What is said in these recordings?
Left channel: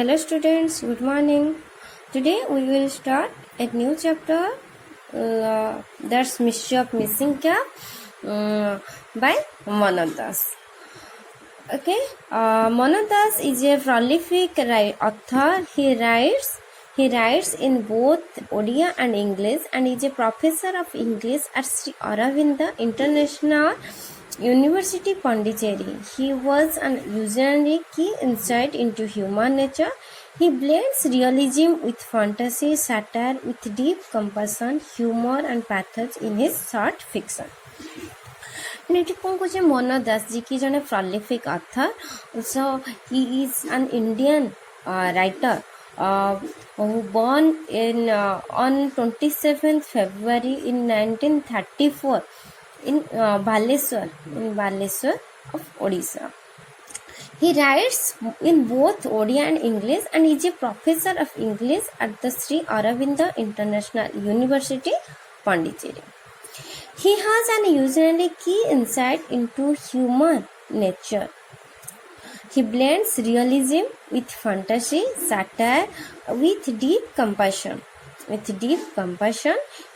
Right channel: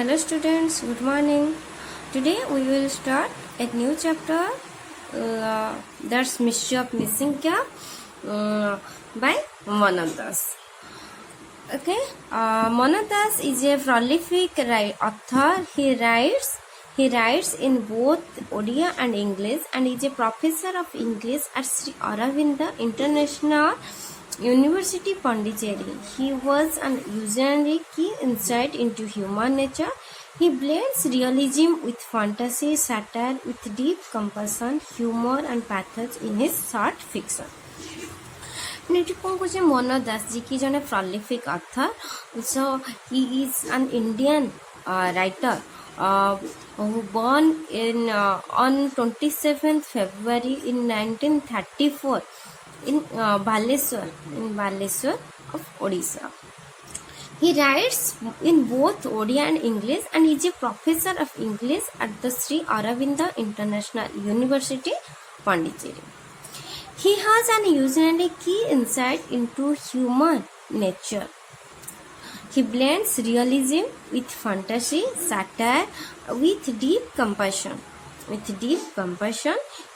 Hello students, good morning. Today we will start a new chapter that's Mystery of Missing Cap by Manoj Das. Okay, Manoj Das is a prolific author. He writes in both Odia and English and is a professor of English at Sri Aurobindo International University, Pondicherry. He was an usually key insight into human nature. He blends realism with fantasy, satire with deep compassion, humor and pathos in his short fiction. Eighty कौन कहे मनोज दास जी की जने prolific author. So he is an Indian writer who born in on 27th February in 1934 in Baleswar of Odisha. He writes in both Odia and English and is a professor of English at the Sri Aurobindo International University, Pondicherry. He has an usually key insight into human nature. He blends realism with fantasy, satire with deep compassion,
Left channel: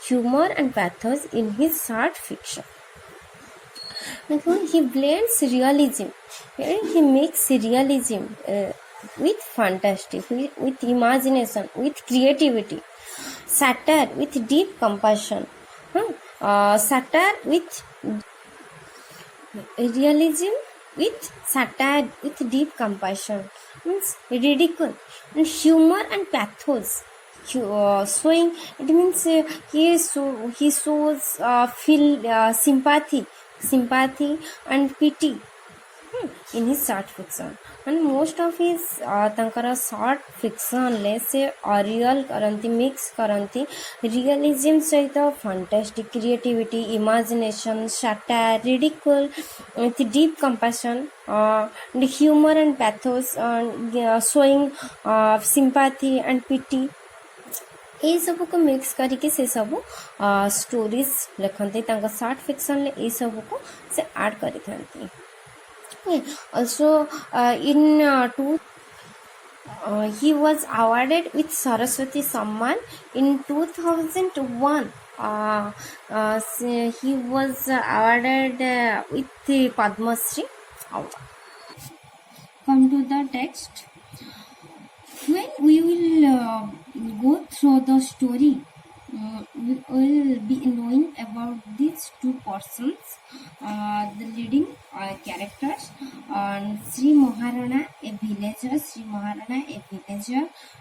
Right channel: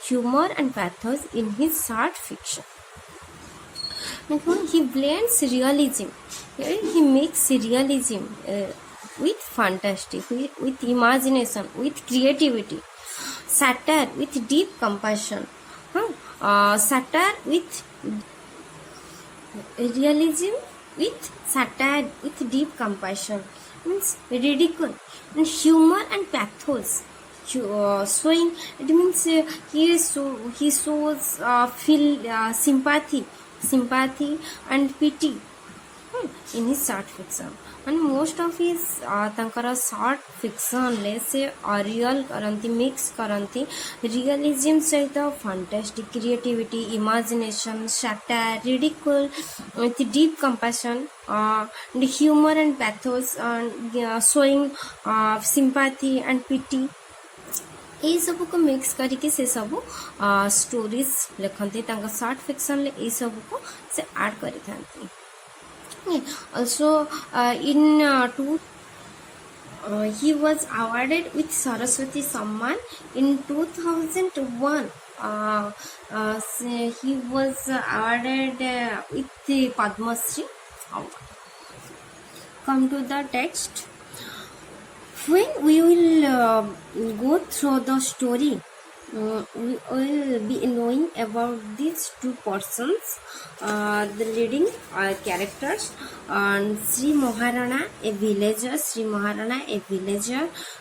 humor and pathos in his short fiction. He blends realism. He makes realism with fantasy, with imagination, with creativity. Satire with deep compassion. Satire with realism with satire with deep compassion means ridicule and humor and pathos. Showing it means he shows feel sympathy and pity in his short fiction. And most of his tankara short fiction ले से real करंती mix करंती realism सहित fantastic creativity imagination satire ridicule with deep compassion and humor and pathos showing sympathy and pity ये सब को mix करके से सब स्टोरीज लिखते शॉर्ट फिक्शन ले ये सब को से ऐड करी थांती. Also he was awarded with Saraswati Samman in 2001. He was awarded with the Padma Shri award. Come to the text. When we will go through the story, we will be knowing about these two persons, the leading characters, Sri Maharana, a villager,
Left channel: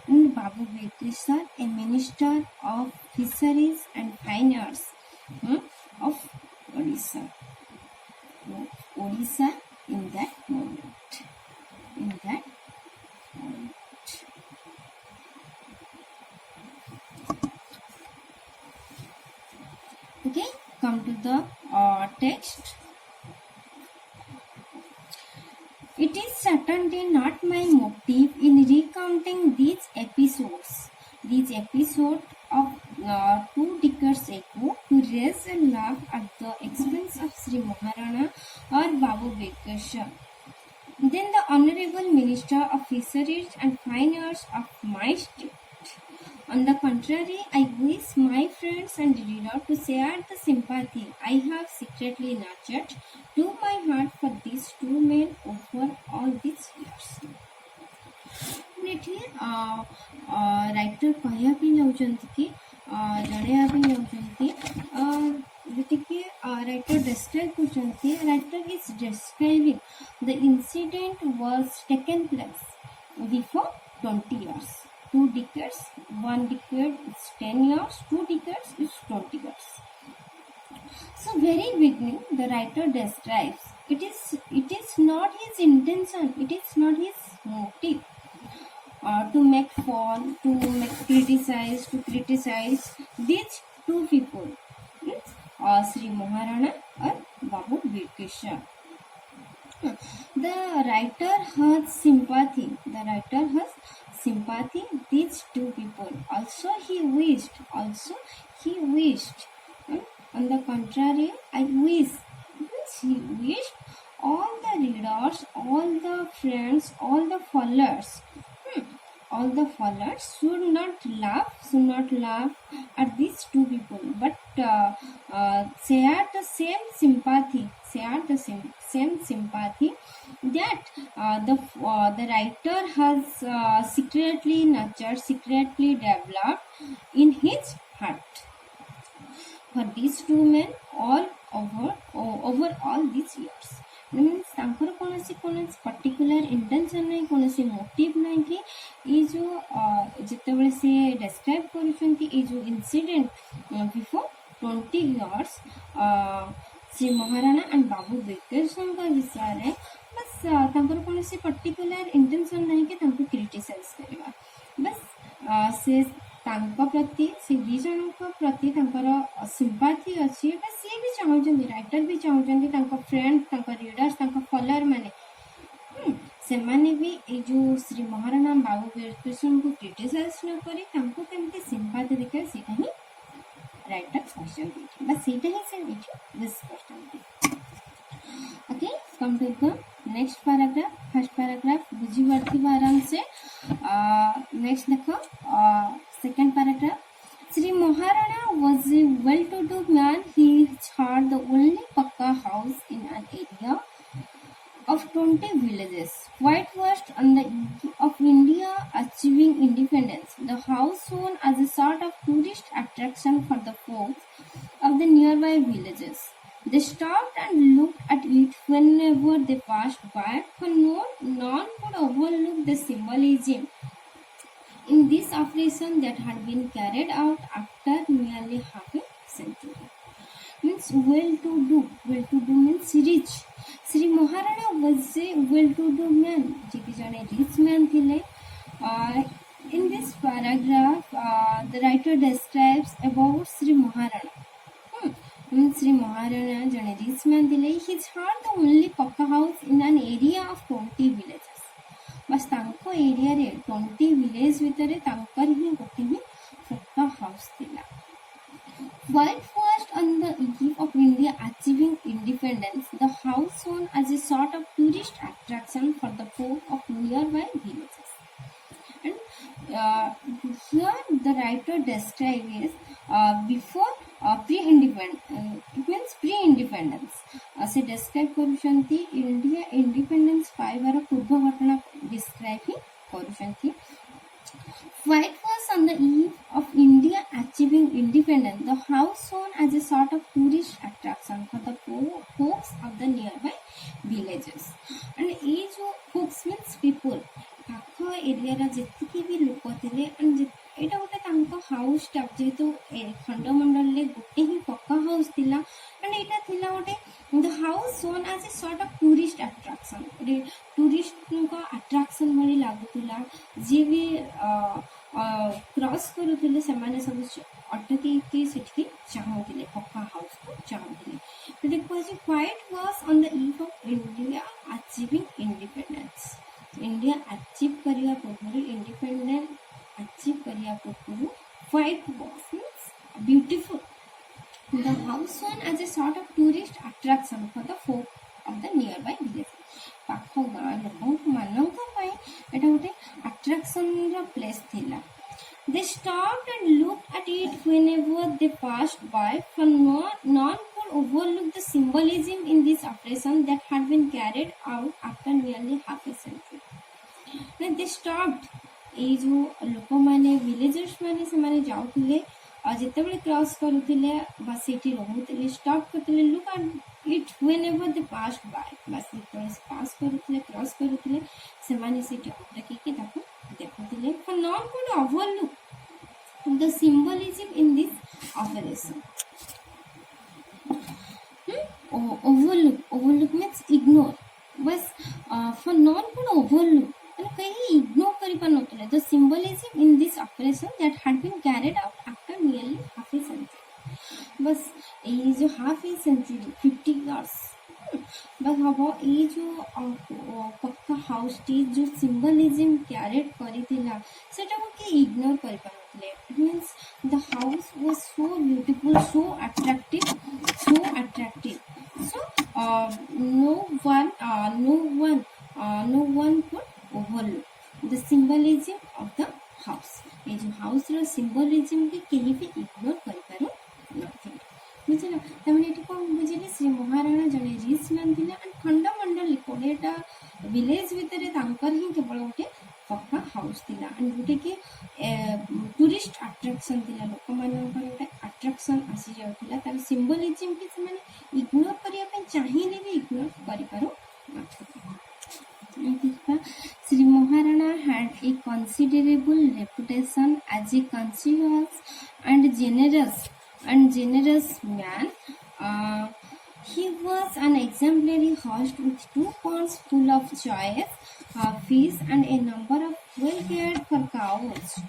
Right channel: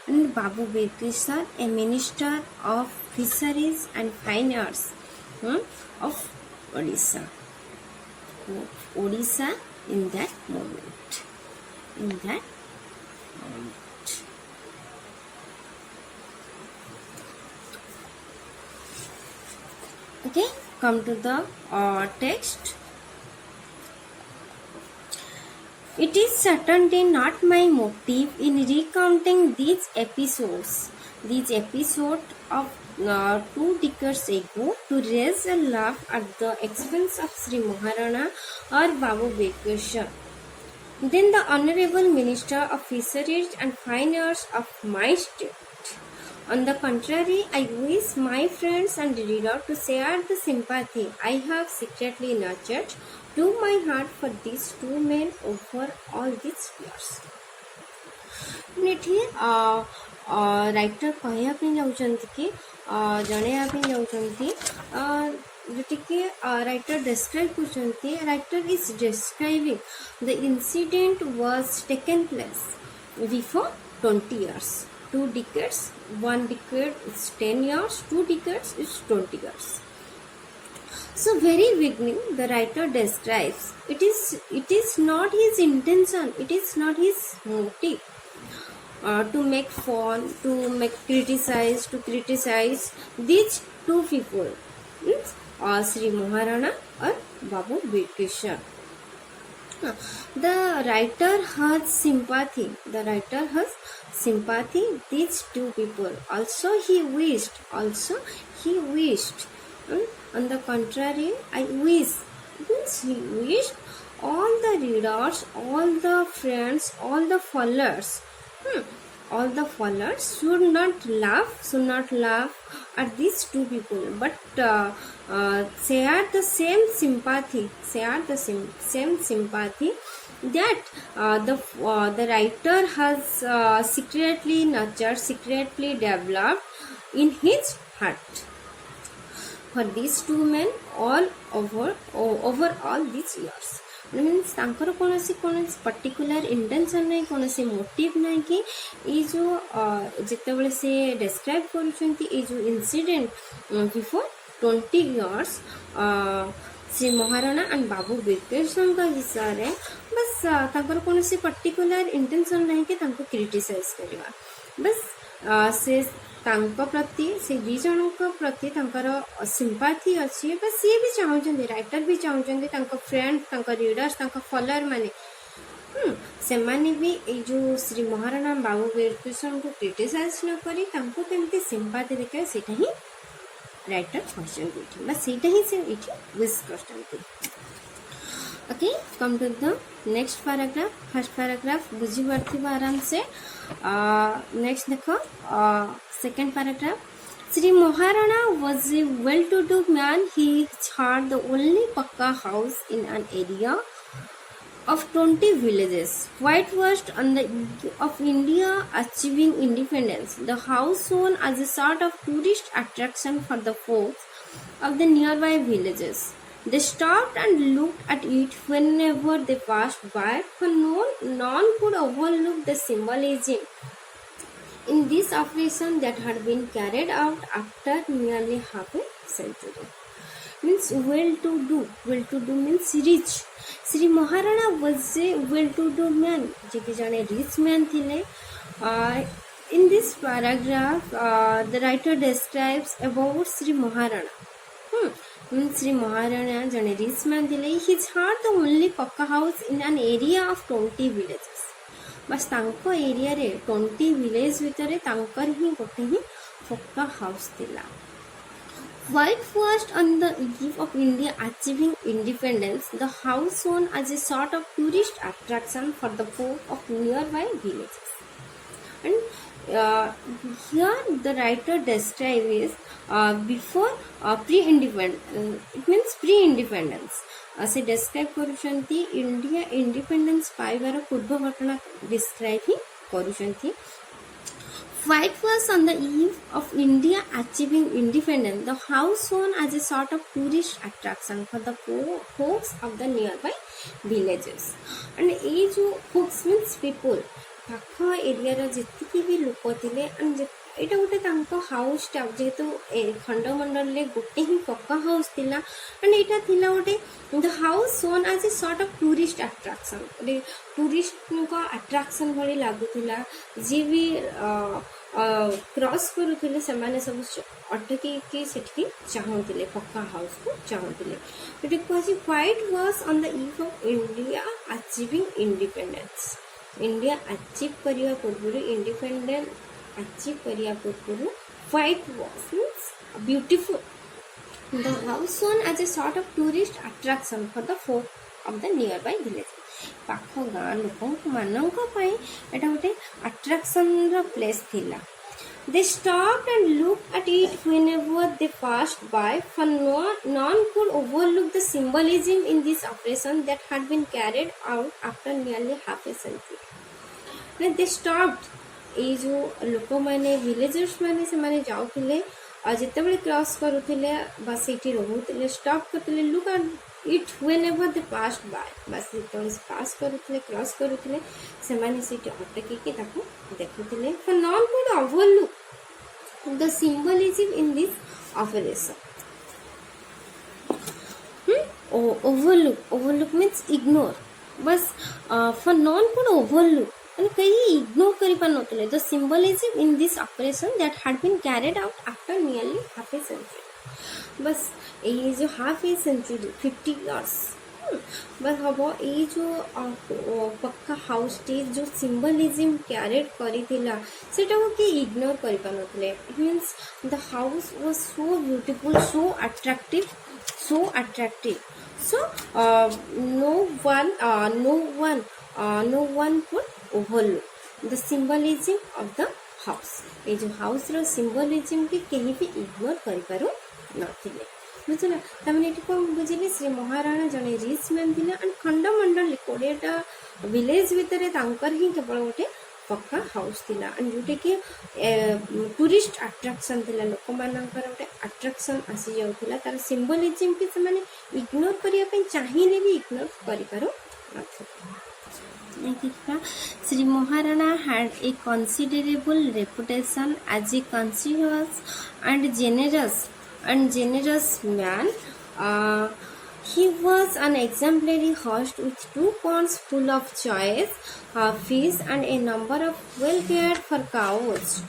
and Babu Bekisar, a minister of fisheries and fine arts of Odisha. In that moment. Okay, come to the text. It is certainly not my motive in recounting these episodes of 2 decades ago to raise a laugh at the expense of Sri Maharana or Babu Bekisar. Then the Honorable Minister of Fisheries and Fine Arts of my state. On the contrary, I wish my friends and readers to share the sympathy I have secretly nurtured to my heart for these two men over all these years. Writer कहवाई जाऊँच कि जनवाई जोटि writer describe कर writer is describing the incident was taken place before 20 years. 2 decades, 1 decade is 10 years, 2 decades is 20 years. So very beginning the writer describes it is not his intention, it is not his motive to make fun, to criticize these two people, Sri Maharana or Babu Bekisar. The writer has sympathy. These two people. Also he wished. On the contrary, I wish. He wished all the readers, all the friends, all the followers all the followers should not laugh at these two people, but share the same sympathy, that the writer has secretly nurtured, secretly developed in his heart for these two men all over all these years. Means तांकर कौनसी particular intention नहीं, कौनसी motive नहीं कि ये जो जितेबले से describe करुछंती ये जो incident before 20 years Shri Maharana and Babu बिरकेशन का विषय रे बस तांकर कौनसी पर्टिकुलर इंटेंशन नहीं कि तांको क्रिटिसाइज करबा, बस से तांको प्रति से दी जनक प्रति तांकर सिंपाथी अच्छी, बस सी भी चाहते, राइटर भी चाहते तांको फ्रेंड, तांको रीडर्स, तांको फॉलोअर माने से माने भी ये जो श्री महाराणा बाबू बिरकेशन को क्रिटिसाइज न करी तांको केमती सिंपाथी देखे सेटा ही राइटर करछन, बस सेटा ही से इठी विश करछन। Okay, come to the next paragraph. First paragraph बुझी पारथिबा आराम से। नेक्स्ट देखो second paragraph. Sri Maharana was a well-to-do man. He had the only pakka house in an area of 20 villages, whitewashed on the eve of India achieving independence. The house shone as a sort of tourist attraction for the folks of the nearby villages. They stopped and looked at it whenever they passed by, for none could overlook the symbolism in this operation that had been carried out after nearly half a century. Means well-to-do means rich. Sri Maharana was a well-to-do man, जे कि जाने rich man थिले. In this paragraph, the writer describes about Sri Maharana. Sri Maharana jane rich man थिले. He had the only pakka house in an area of 20 villages. बस तांको area रे 20 village भितर तांकर ही गोटे ही पक्का हाउस थिला। Whitewashed on the eve of India achieving independence, the house shone as a sort of tourist attraction for the folk of nearby villages. And here the writer describes before pre-independence, it means pre-independence. से describe करुछंती India independence पाइबार पूर्व घटना describe he करुछंती। White was on the eve of India achieving independence. The house shone as a sort of tourist attraction for the folks of the nearby villages. And ये जो folks means people, पाख area जितकी भी लोक थे and एटा गोटे तांको house टा जेहेतु खंडमंडल ले गोटे ही पक्का हाउस थिला एंड एटा थिला गोटे the house shone as a sort of tourist attraction, गोटे टूरिस्ट को अट्रैक्शन भली लागुथिला। जे भी क्रॉस करूथिले सेमाने सब अटकी के सेठी चाहूथिले पक्का हाउस को चाहूथिले। एटा कहछि which was on the eve of India achieving independence. India achieve करिया पूर्व इंडिपेंडेंट achieve करिया पूर्व white was means beautiful. The house shone as a sort of tourist attraction for the folk of the nearby village. पाख गाँ लोक मानक एटा गोटे attraction रा प्लेस थिला। They stopped and looked at it whenever they passed by, for none could overlook the symbolism in this operation that had been carried out after nearly half a century. They stopped. ये जो लोक मैंने villagers मैंने से मैंने जाऊले और जितेबले cross करूले बस ये रोते स्टॉप करते look at it whenever they passed by, बस जितेबले पास करूले क्रॉस करूले से मैंने से अटकी देखुले for none could overlook the symbolism in this operation. Overlook means ignore, बस फॉर नॉन कुड ओवरलुक कहीं इग्नोर करी पार नतले the symbolism in this operation that had been carried out after nearly half a century. बस ये जो half a century 50 years बस हम ये जो पक्का हाउस टी जो सिंबलिज्म कैरिड करिथिला सेटा को कि इग्नोर करी पार नतले। It means the house was so beautiful, so attractive, so no one could overlook, the symbolism of the house ये जो हाउस रो सिंबलिज्म के कहीं भी इग्नोर कर पारो नथिले बुझला तमने एटी को बुझिले श्री महाराणा जने रिच मैन थिला एंड खंडमंडल 20टा विलेज भितरे तांकर ही केवल गोटे पक्का हाउस थिला एंड जोटे कि टूरिस्ट अट्रैक्शन थिला लोक मानकर गोटे अट्रैक्शन आसी जाउथिला तार सिंबलिज्म के से माने इग्नोर करिया पे चाहिले भी इग्नोर करि पारो नथिला Shri Maharana had a considerable reputation as a conscientious and generous man. He was an exemplary host with 2 ponds full of choice fish and a number of well cared for cows.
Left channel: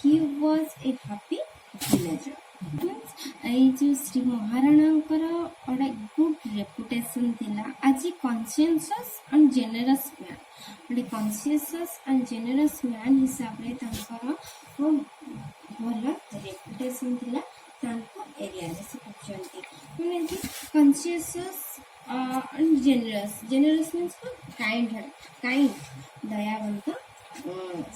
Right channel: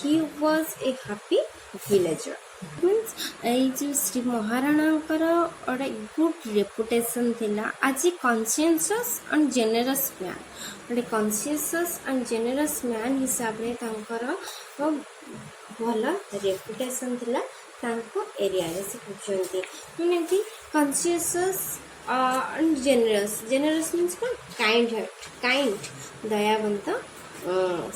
He was a happy villager. Means এই যে শ্রী মহারাণাଙ୍କର ଗୋଟେ good reputation ଥିଲା ଆଜ ଏ କନସିୟସସ୍ and ଜେନେରସ୍ man ଗୋଟେ କନସିୟସସ୍ and ଜେନେରସ୍ man ହିସାବରେ ତାଙ୍କର ଭଲ reputation ଥିଲା ତାଙ୍କ ଏରିଆରେ ସେ କହୁଛନ୍ତି ମାନେ କି କନସିୟସସ୍ ଆଣ୍ଡ ଜେନେରସ୍ ମିନ୍ସ କ'ଣ କାଇଣ୍ଡ ଦୟାବନ୍ତ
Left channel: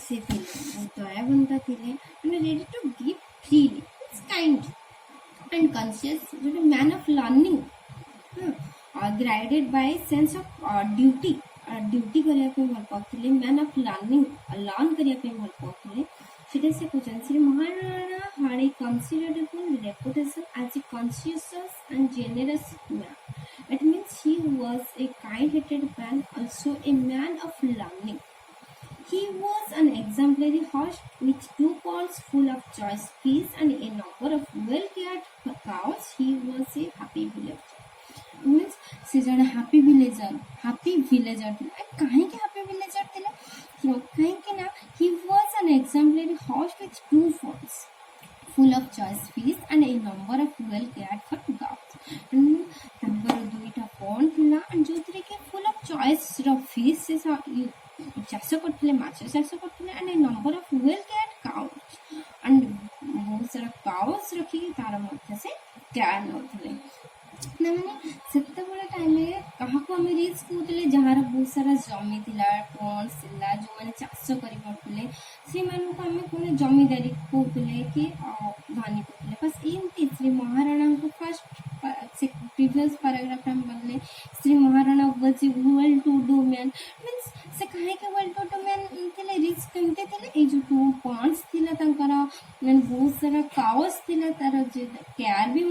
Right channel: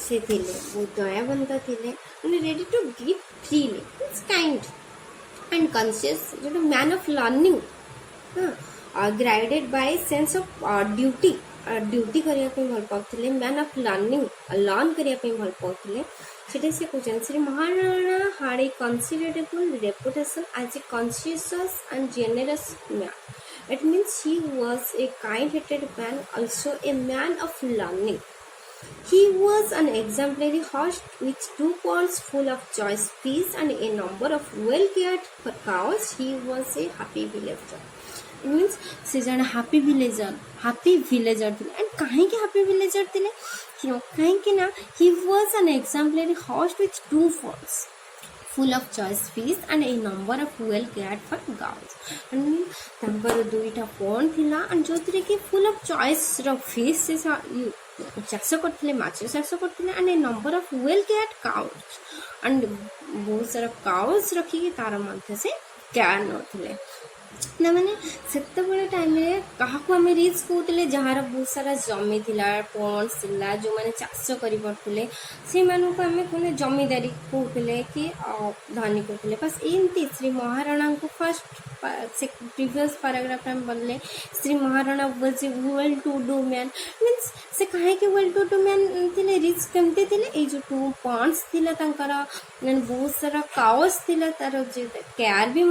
ସେ ଥିଲେ ବହୁତ ଦୟାବନ୍ତ ଥିଲେ ମାନେ ready to give freely it's kind and conscious जो man of learning guided by sense of duty करिया पे भल पाउथिले man of learning learn करिया पे भल पाउथिले सेटे से question Shri Maharana had a considerable reputation as a conscientious and generous man. It means he was a kind-hearted man, also a man of learning. He was an exemplary host with 2 ponds full of choice fish and a number of well-cared for cows. He was a happy villager. It means से जन happy villager थे and कहीं के happy villager थे क्यों कहीं के ना he was an exemplary host with 2 ponds full of choice fish and a number of well cared for cows. and तांकर 2टा pond थिला and जोतरे के full of choice row fish से चाष करथिले माछ चाष करथिले and a number of well cared cows and बहुत सारा काउज रखी तार मध्य से केयर नथिले ना माने सेते बळे टाइम रे काहाको हमें रिच कहउतले जहार बहुत सारा जमी थिला पॉन्ड्स थिला जो माने चाष करि पड़थले से मानु को हमें कोने जमीदारी कहउतले कि धनी कहउतले बस एमती श्री महाराणा को फर्स्ट प्रीवियस पैराग्राफ में बोलले Shri Maharana was a well to do man means से काहे के वेल टू डू मैन थिले रिच केमते थिले ए जो 2 पॉन्ड्स थिला तांकर बहुत सारा काउस थिला तार जे केयर भी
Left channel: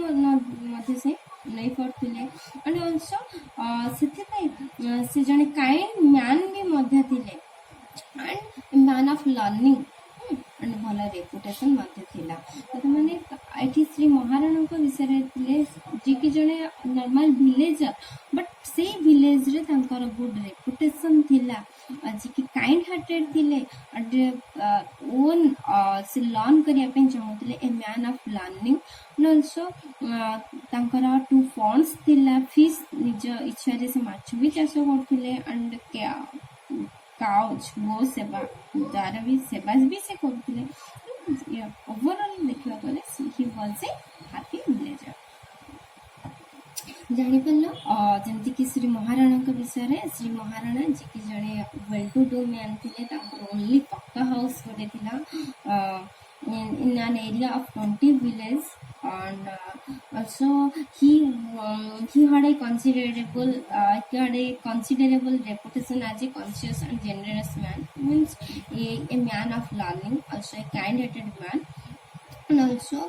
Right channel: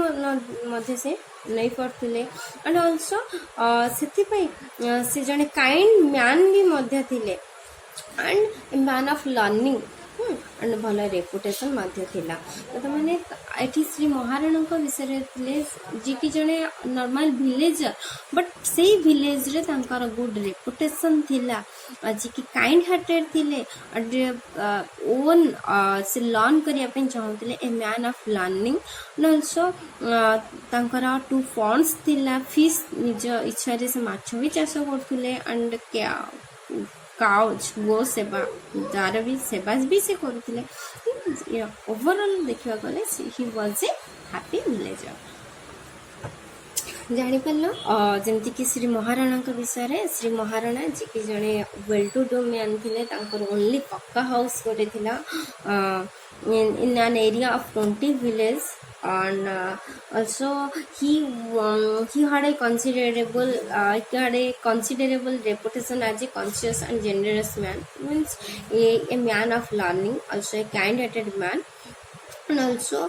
मध्य से नहीं पड़थिले एंड आल्सो से जने काइंड मैन भी मध्य थिले and A man of learning and भल रेपुटेशन मध्य थिला तो माने एठी श्री महाराणा विषय थिले जी कि जने नॉर्मल विलेजर बट से विलेज रे तांकर गुड रेपुटेशन थिला जी कि काइंड हार्टेड थिले एंड ओन से लर्न करिया पे चाहूतले a man of learning and also तांकर 2 पॉन्ड्स थिला फिश निज इच्छा रे से माछ भी चाष करथिले एंड काउज गो सेवा जार भी सेवा भी से करथिले ओवरऑल देखिया गले he was a happy villager जानी पाल जमती कि श्री महाराणा विषय रे श्री महाराणा जी की जने वेल टू डू मैन थिले तांकर ओनली पक्का हाउस गोटे थिला in an area of 20 villages and also he had a considerable reputation as a conscious and generous man means a man of learning also a kind-hearted man and also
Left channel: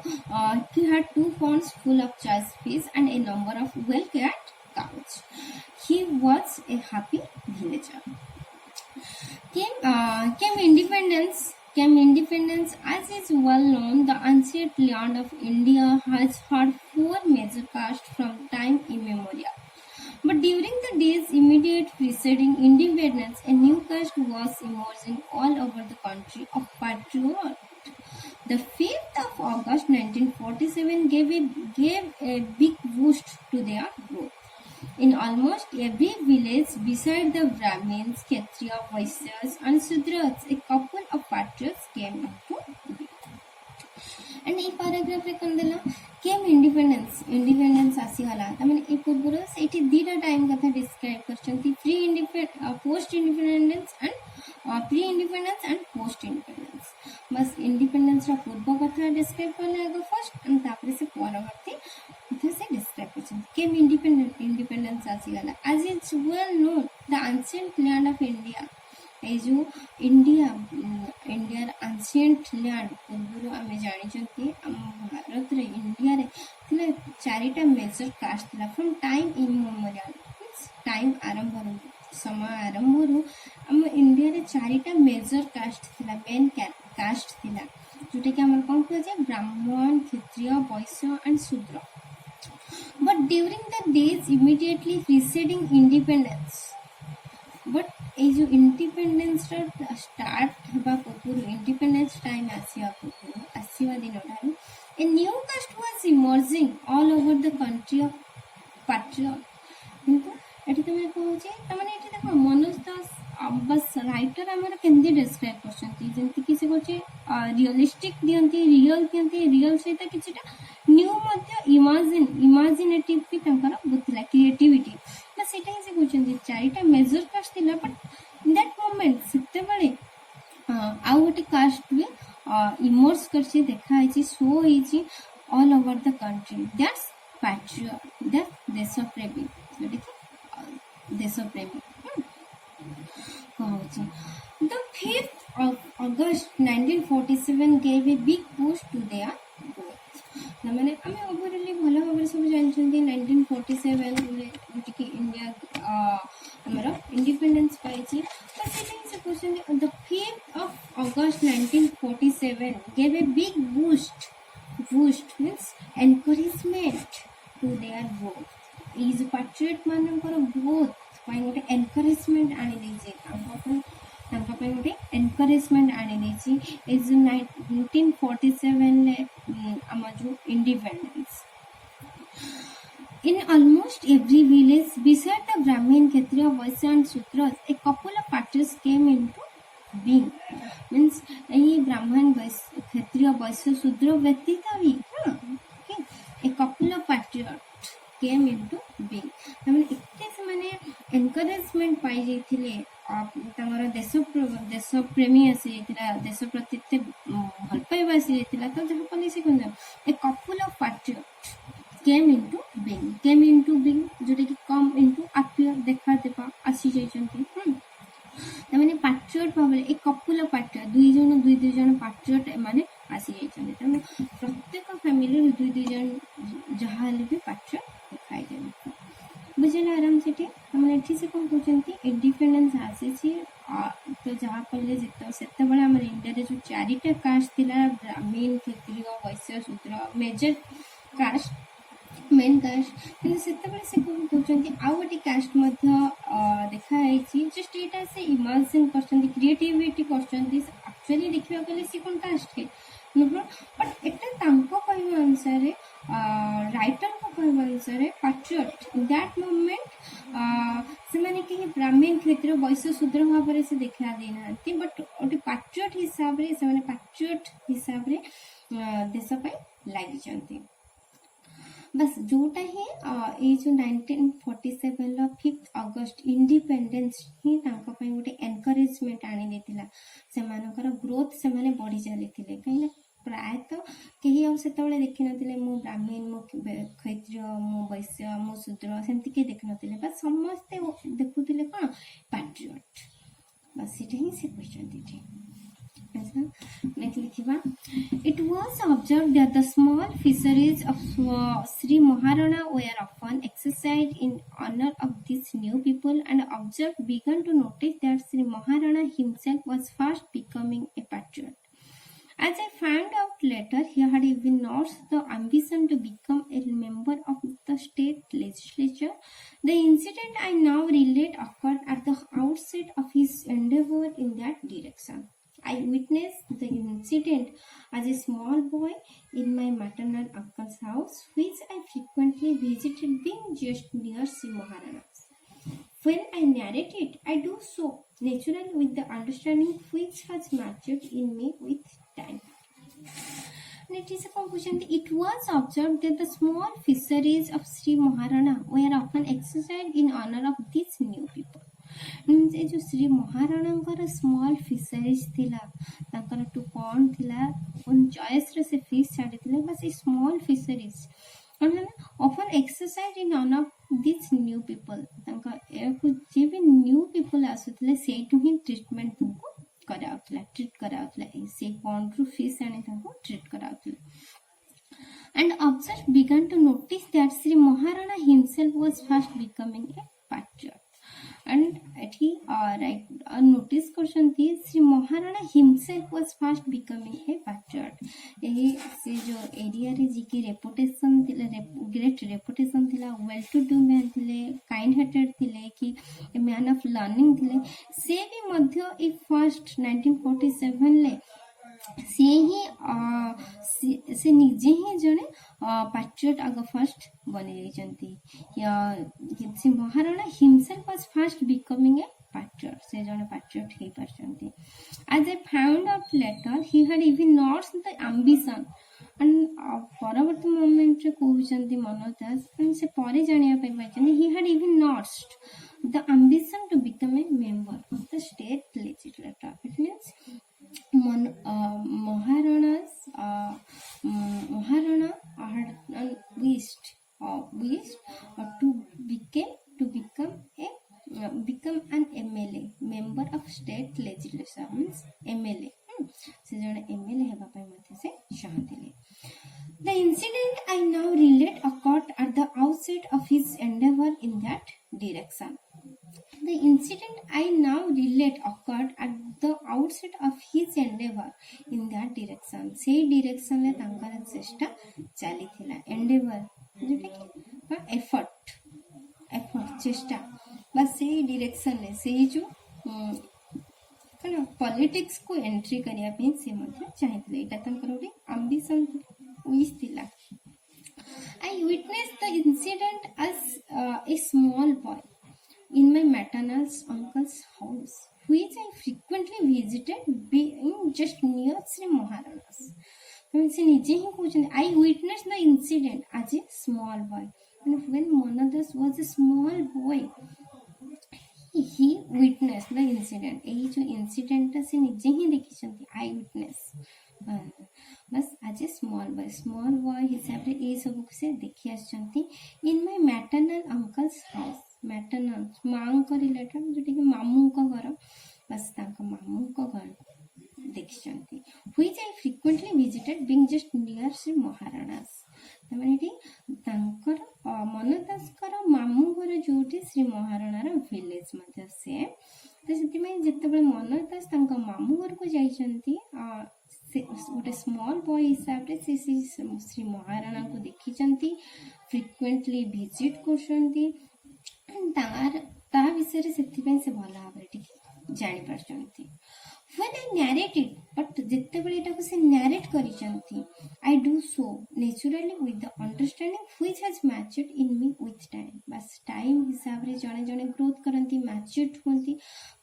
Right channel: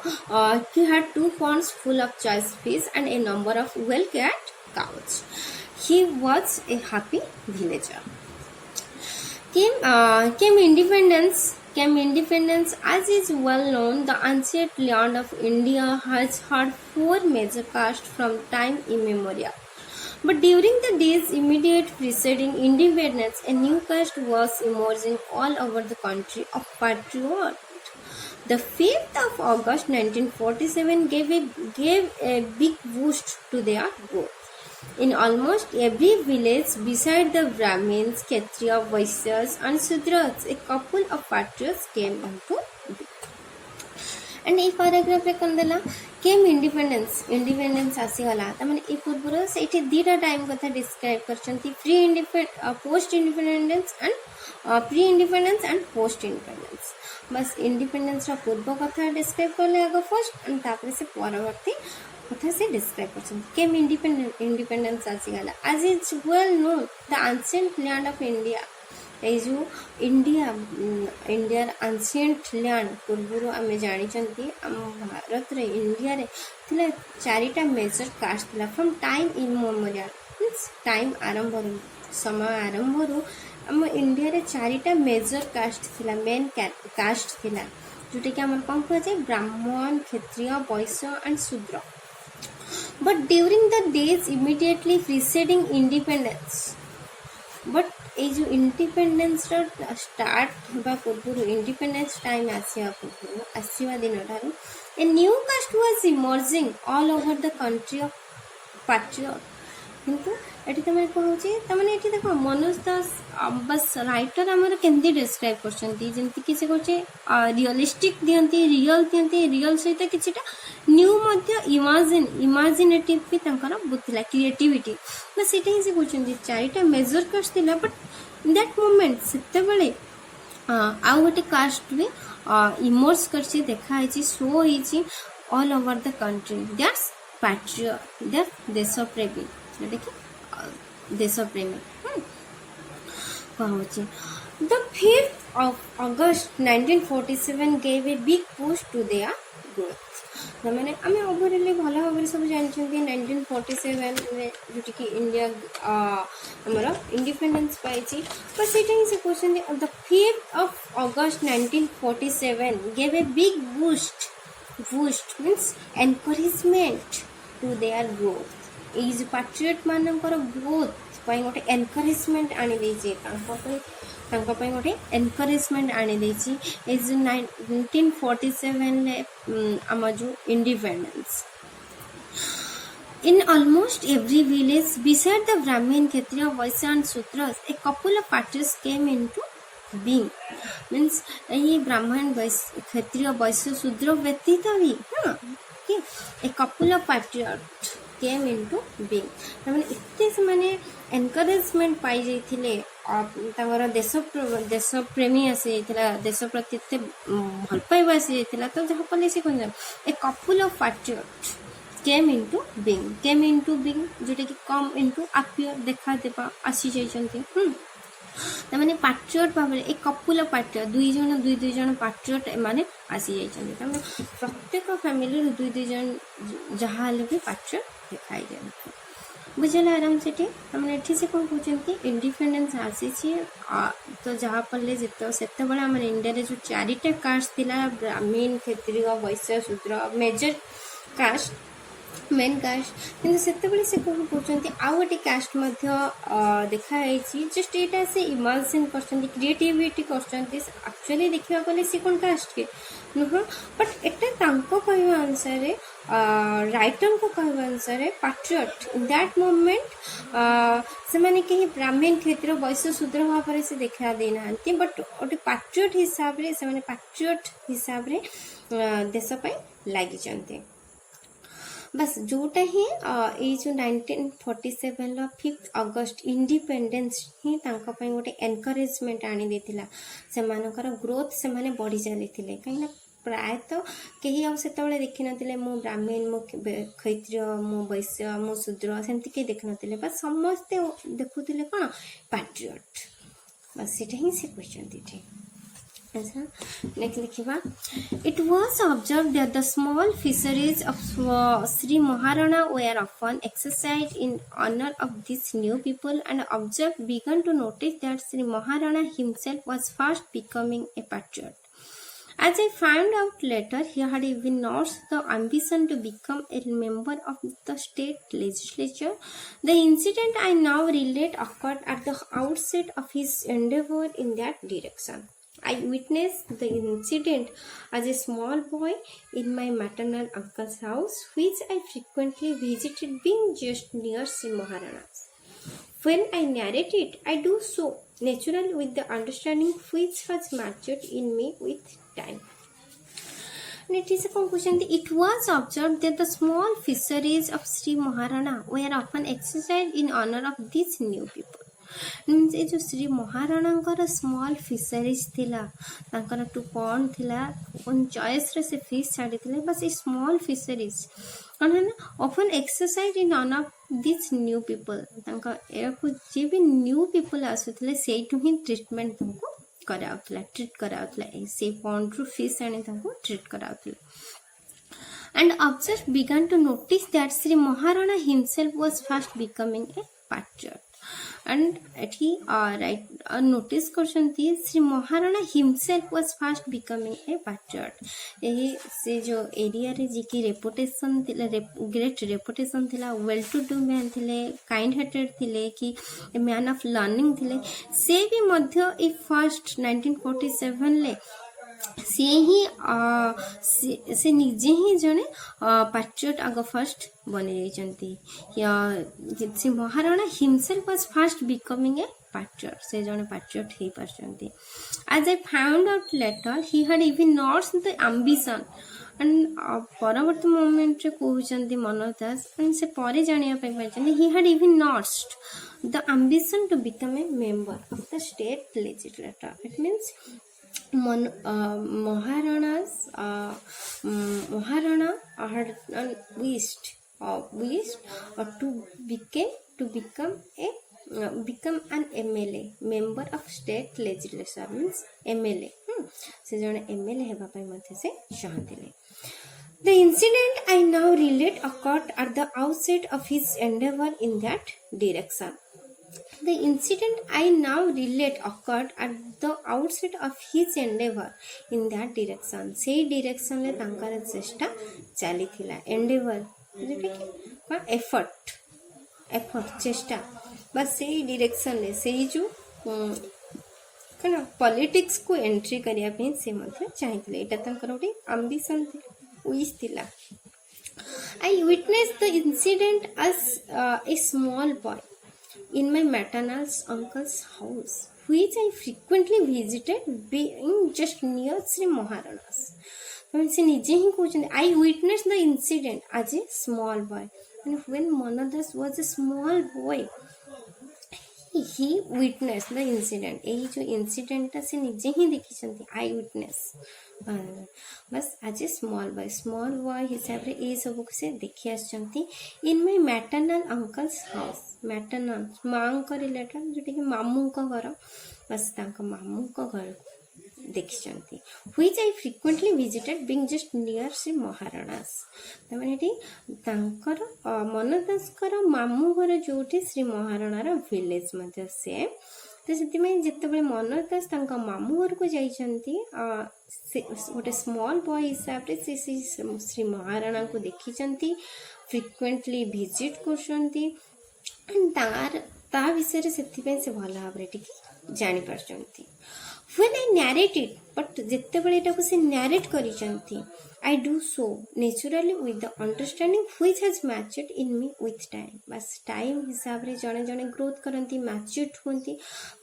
he had 2 ponds full of choice fish and a number of well cared cows. He was a happy villager. Came independence. As is well known, the ancient land of India has had 4 major castes from time immemorial. But during the days immediate preceding independence, a new caste was emerging all over the country of patriot. The 5th of August 1947 gave a big boost to their growth. In almost every village beside the Brahmins, Kshatriya, Vaishyas and Shudras, a couple of patriots came into being. And ये paragraph रे कौन देला केम independence आसीगला तमाने ए पूर्वर से दीटा time कथा describe करछंती post independence and pre independence and post independence बस इंडिपेंडेंस रा पूर्व कथा डिस्क्राइब करले आगे फर्स्ट एंड तापर से परवर्ती कथा से डिस्क्राइब करछंती केम इंडिपेंडेंस आसीगला as it's well known the ancient land of India ये जो इंडियार एंशिएंट लैंड पूर्व आम जानी आम भारत रे इंडिया रे थिला चारिटा मेजर कास्ट थिला फ्रॉम टाइम इमोरियल मींस टाइम आरंभ समय आरंभ आम इंडिया रे चारिटा मेजर कास्ट थिला मेन कास्ट थिला जोटा कि आम कौन कह जाए ब्राह्मण क्षत्रिय वैश्य एंड शूद्र but during the days immediately preceding independence but ये जो इंडिपेंडेंस स्टार्ट होगा पूर्व इंडिपेंडेंस टाइम आसवा पूर्व आसवा दिन a new caste was emerging all over the country of patriot किंतु एटी तमे कहूची तमने एटी देखो मनोज दास बस राइटर हमर केंदी डिस्क्राइब करछंती जेंति कि से कहचे रियलिस्टिक दियंती रियल सहित किछटा न्यू मध्य इमेजिनेटिव भी तंकर बुतला क्रिएटिविटी बस सेटा ही से कहछंती चारिटा मेजर कास्ट थिला बट इन दैट मोमेंट सेते बेले आउ गोटे कास्ट भी इमर्ज करछि देखा आइछि शो होइछि all over the country that's patriot that देशप्रेमी देखि देशप्रेमी कहूँ the 5th of August 1947 gave a big push to their growth मैंने आम ओवरअली भल भाव सब जानते 1947 जोटी कि इंडिया आमर इंडिपेंडेंस पाई बट से कहते the 5th of August 1947 gave a big boost means encouragement to their growth ये जो पैट्रियट मानकर ग्रोथ गोटे एनकरेजमेंट आनी गोटे एनकरेजमेंट आनी ए जो 1947 आम जो independence in almost every village beside the Brahmin Kshatriya Vaishya and Shudra a couple of parties came into being means ये ब्राह्मण क्षत्रिय वैश्य शूद्र व्यतीत भी हाँ a couple of patriot came into being तमाने इत्ते से माने एनकरेजमेंट पाई जाइथिले तांगर देश प्रेमी आसी जाइथिला देश प्रति इत्ते भल पाइबा आसी जाइथिला तो जहा पले से कोन a couple of patriot came into being जोटे कि कम इनटू अपियर देखा देबा आसी जाइछंती तमाने पाट्रियट भाबरे ए कपल ऑफ पाट्रियट दुई जन पाट्रियट माने आसी जाइछंती तमाने प्रत्येक फैमिली दुई जन जहा ले भी पाट्रियट दिखाई दे बुझेला आराम से हमने एठी से कौन कहते इंडिपेंडेंस आसी तो जहाँ पड़े से आम इंडिया रे जो चारिटा कास्ट थिला ब्राह्मण क्षत्रिय वैश्य शूद्र मेजर कास्ट मेन कास्ट कि से कौन कहते आउ गोटे कास्ट देखाई जस्ट यहाँ से इमेजिन कर क्रिएटिविटी करचुअली देखा गले सी कौन कास्ट के बट एटा कहवा अनुसार राइटर को कहवा अनुसार पैट्रियट इन दैट मोमेंट से माने कहीं ब्राह्मण क्षेत्र वैश्य शूद्र भाव से देखा देना बट गोटे पैट्रियट हिसाब से पैट्रियट हिसाब से देश लगी बस जोटा ही ये जो 1947 5th अगस्ट इंडिपेंडेंस ही गोटे एनकरेजमेंट आनी देथिला से मानकर ग्रोथ से माने बढ़ी चली कहीं प्रायतः कहीं आउ से देखी नथिले मो ब्राह्मण मो क्षत्रिय मो वैश्य मो शूद्र सेमती कहीं देखी नथिले बस समस्ते देखुथिले कोन पैट्रियट बस सेटा ही से क्वेश्चन नेक्स्ट लिखिबा it was observed that the small fisheries of Shri Maharana were often exercised in honor of these new people and observed began to notice that Sri Maharana himself was fast becoming a patriot. As I found out later, he had even notched the ambition to become a member of the state legislature. The incident I now relate occurred at the outset of his endeavor in that direction. I witnessed the incident as a small boy in my maternal uncle's house, which I frequently visited being just near Sri Maharana's. When I narrate it, I do so naturally with the understanding which has matured in me with time. It is a conclusion. It was observed that the small fisheries of Sri Maharana were often exercised in honor of these new people. Means ये जो Shri Maharana small fisheries थिला तांकर to कौन थिला own choice रे से fish छाड़ी थिले बस ये स्मॉल फिशरीज कौन है ना often exercise in on off this new people तांका एको जे भी न्यू पीपल आसुथिले सेठु ही ट्रीटमेंट तुमको कराउथला ट्रीट कराउथला से पॉन्ड रु फिश आनी तुमको treat कराउथला. And observers began to notice that Sri Maharana himself was fast becoming a patriot. And he notice करछंती Shri Maharana himself was fast becoming a patriot. यही से जो एरिया रे जी की रेपुटेशन थिले ग्रेट रेपुटेशन थिला वेल टू डू मैन थिले kind hearted थिले कि ए मैन ऑफ लर्निंग थिले से भी मध्य ए फर्स्ट 1947 ले सी ही से निजे ही जने पैट्रियट आग फर्स्ट बनी जाइछंती से Maharana himself was first becoming a patriot से जने पैट्रियट हे परछंती. As I found out later he had even lost the ambition and परवर्ती मोमेंट रे कहउछंती मनोज दास and से परे जानिया पे परछंती he had even lost the ambition to become a member of the state legislature. It means Maharana had wished to become an MLA, member of state legislature means MLA. से जने MLA हेबा पई मथे से चाहतिले. The incident I now relate occurred at the outset of his endeavor in that direction. The incident I now relate occurred at the outset of his endeavor in that direction. से direction ले तांकर चेष्टा चली थिला. Endeavor जोटा कि effort चेष्टा बस से direction ले से जो कना politics को entry करिया पे से मतलब चाहिए एटा तांकर गोटे ambition wish थिला. I witnessed the incident as a small boy in my maternal uncle's house, which I frequently visited, being just near Sri Maharana's. से निजे ही कहते I witnessed the incident as a small boy. And when Manadas was a small boy, he witnessed the incident. यही जो incident से निजे ही देखी चंती I witness. बस आज स्मॉल बॉय हिसाब रे ए सब से देखि आछंती in my maternal uncle's house. Maternal मां को रिलेटेड जोटी कि मामू को घर बस तांका मामू को घर देखिचंती which I frequently visited being just near Shri Maharana's. तमाने टी तांकर मनदासकर मामू घर जोटी श्री महाराणार विलेज मध्ये से तो से जिते मनदास मामू घर को जाइछंती गोटे स्मॉल बॉय हिसाब से श्री महाराणा को देखी फ्रिक्वेंटली विजिट करछंती ता विषय से भल भाव जानी पारछंती. When I narrate it, but जितेबले एटा को से narrate करिसंती, I do so naturally with the understanding which has matured in me with time. बस टाइम हिसाब रे जने जने ग्रोथ करंती मैच्योर होंती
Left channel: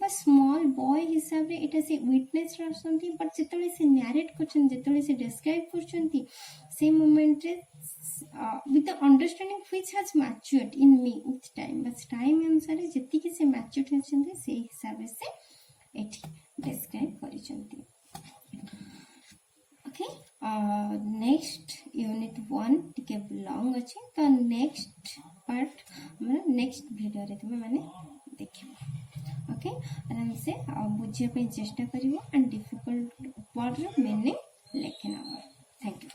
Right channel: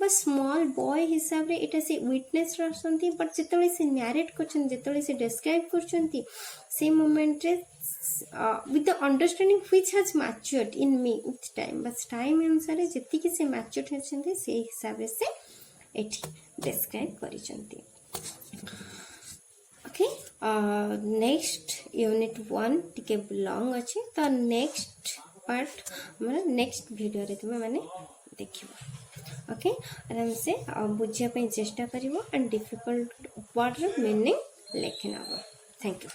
बस स्मॉल बॉय हिसाब रे एटा से विटनेस रसंती बट जितेबले से narrate करछन जितेबले से डिस्क्राइब करछंती से मोमेंट रे with the understanding which has matured in me with time. बस टाइम अनुसार जति के से मैच्योर होछंती से हिसाब से एठी describe करिसंती. ओके नेक्स्ट यूनिट 1 टिके लॉन्ग अछि तो नेक्स्ट पार्ट हमर नेक्स्ट वीडियो रे तुमे माने देखिबो. ओके आराम से बुझिया पे चेष्टा करिवो एंड डिफिकल्ट वर्ड रो मीनिंग लेखिनाबो. Thank you.